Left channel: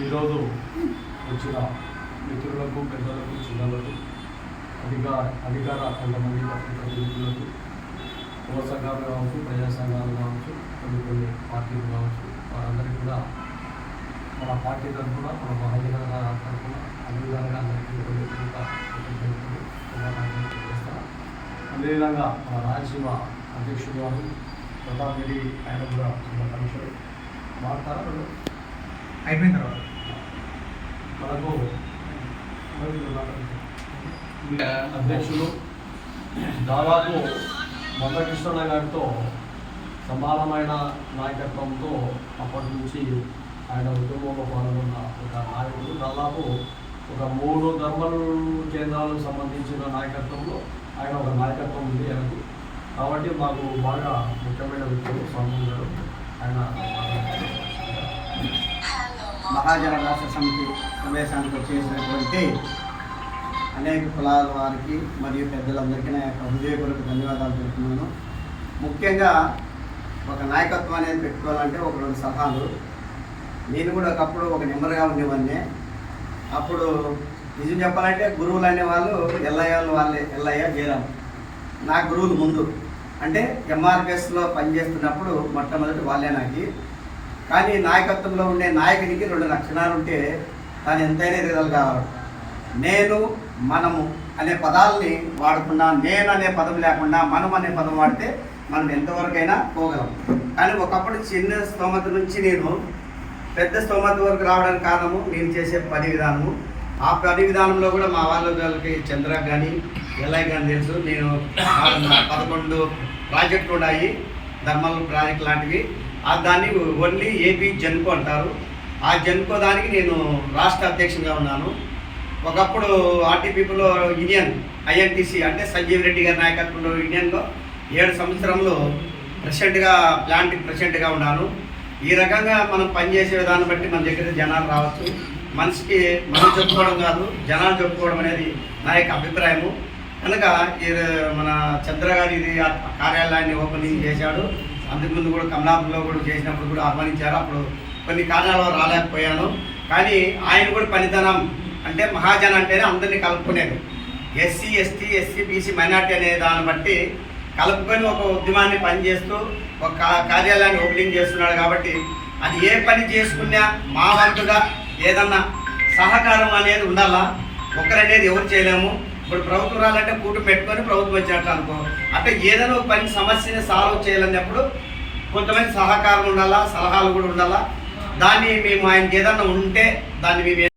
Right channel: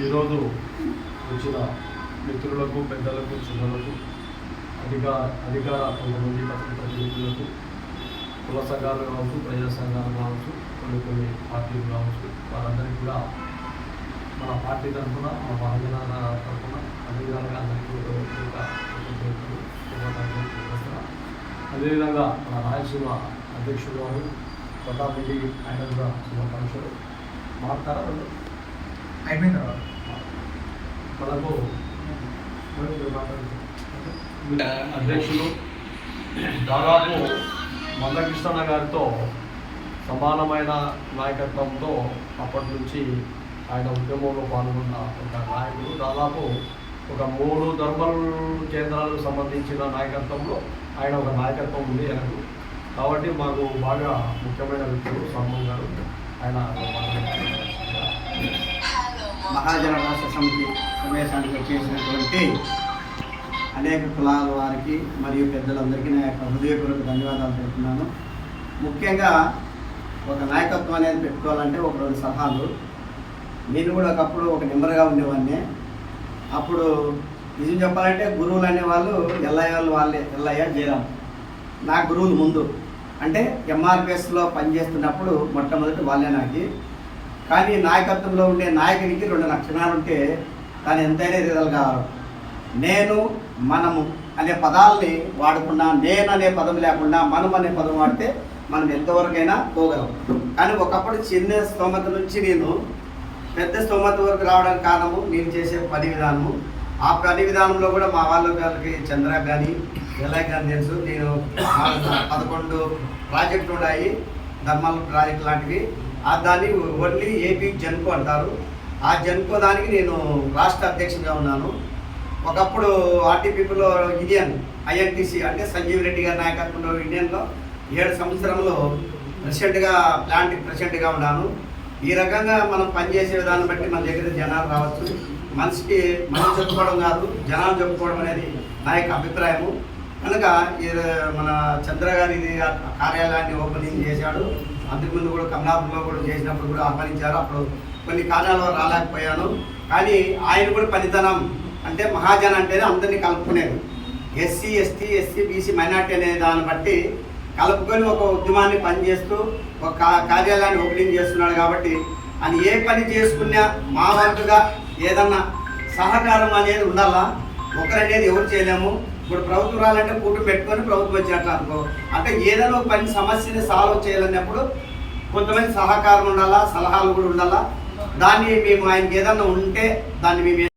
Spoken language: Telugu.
ఈరోజు వచ్చిన మిత్రులకు, పెద్దలకు, చిన్నలకు, అధికార కొంతమంది ప్రతినిధులకు, కుల సంఘాలు కావచ్చు, ప్రజా సంఘాలు కావచ్చు, కొన్ని పార్టీలు కావచ్చు, వారందరికీ కూడా మన పార్టీ తరఫున, మన మహాజన తరఫున అన్ని విధాలుగా అందరికీ చేస్తాను. అదేవిధంగా మన రాయలసీమ అధ్యక్షుడు గారు ప్రతాప్ రెడ్డి ఆయన కూడా శుభాకాంక్షలు మాట్లాడతారా రెండు అయిపోయిన తర్వాత మనకు అధ్యక్షులు దాదాపు మందకృష్ణ గారితో సమానమైన నాయకత్వంతో అప్పటి నుంచి ఆయన ఉద్యమంలో పాల్గొన్న ఒక నాయకుడు. దాదాపు ఒక 3 ధర్మల్ కేంద్రాలకు సంబంధించిన నాయకత్వంలో ఆయన ఒక నాయకత్వం ఉంది ఆయనకు. కాబట్టి మాకు బాగా ముఖ్యమైన వ్యక్తులు సోమన్ గారు. ఆయన మహాజన రాష్ట్ర సమితి సమావేశానికి వచ్చేసినటువంటి అనేక కులాల వారికి మరియు పెద్దలందరికీ నా యొక్క హృదయపూర్వక ధన్యవాదాలు తెలుపుతున్నాను. ముఖ్యంగా ఒక నాయకత్వం అనేది పెట్టుకోవాలంటే ఒక 2 సలహాలు. నేను కూడా ఒకప్పుడు ఒక నెంబర్గా ఉండేవాడిని. అప్పుడు నిజం చెప్పాలంటే గురువులు అనేవాళ్ళు ఎల్లయ్య జయరాం నా గురువులు ముందు అంటే ఎంఆర్పిఎస్లో పనిచేస్తున్నప్పుడు మొట్టమొదటి వాళ్ళే నాకు. కానీ నాయకత్వంలో ఉండే నాయకునికి 2 లక్షణాలు ఉంటే దాన్ని ఎంతైనా ఎదగలుగా. నేను, మనము అనే పదాలని వాడుకున్నా, నేను అనే పదం లేకుండా మనం అనే పదం వాడితే మనం ఎంతవరకైనా పోగలం. కానీ ఒకప్పుడు చిన్న స్తోమత నుంచి నేను పెద్ద స్తోమత వరకు రావడానికి కారణము నేను చేసే పని విధానము. ఆ పని విధానంలో కూడా మా వాళ్ళకి చంద్రకు కానీ ఎల్ఐ కానీ తెలుసు. నేను 11 ప్రాజెక్టులు ఉన్నాయి, ధర్మల్ ప్రాజెక్ట్ లాంటివి. దాన్ని ఓన్లీ ఏపీ జెన్కో అంటారు. ఆ జెన్కో దానికి నేను రాష్ట్ర అధ్యక్షునిగా ఉన్నాను. ఒకప్పుడు ఆర్టీపీలో యూనియన్ ఐఎన్టీసీ అంటే సంజీవ్ రెడ్డి గారి నాయకత్వంలో యూనియన్లో 7 సంవత్సరంలో ప్రెసిడెంట్గా ఉన్నాను. ఈ రకంగా మనం పనిచేసే విధానం బట్టి మన దగ్గర జనాలు రావచ్చు. మనిషికి మనం చెప్పుకోవడం కాదు, జనాలు చెప్పుకోవడం అనేది నా యొక్క అభిప్రాయము. కనుక మన చంద్ర గారి కార్యాలయాన్ని ఓపెనింగ్ చేశాడు. అంతకుముందు కూడా కమలాపురంలో కూడా చేసినప్పుడు కూడా ఆహ్వానించారు. అప్పుడు కొన్ని కారణాల వల్ల రాలేకపోయాను. కానీ ఆయన కూడా పనితనం అంటే మహాజన అంటేనే అందరినీ కలుపుకునేది. ఎస్సీ, ఎస్టీ, బీసీ, మైనార్టీ అనే దాన్ని బట్టి కలుపుకొని ఒక ఉద్యమాన్ని పనిచేస్తూ ఒక కార్యాలయాన్ని ఓపెనింగ్ చేస్తున్నాడు. కాబట్టి అది ఏ పని చేసుకున్నా మా వంతుగా ఏదన్నా సహకారం అనేది ఉండాలా. ఒకరనేది ఎవరు చేయలేము. ఇప్పుడు ప్రభుత్వం రాలంటే కూటు పెట్టుకొని ప్రభుత్వం వచ్చినట్లు అనుకో. అంటే ఏదైనా ఒక పని సమస్యని సాల్వ్ చేయాలన్నప్పుడు కొంతమంది సహకారం ఉండాలా, సలహాలు కూడా ఉండాలా. దాన్ని మేము ఆయనకి ఏదన్నా ఉంటే దాన్ని మేము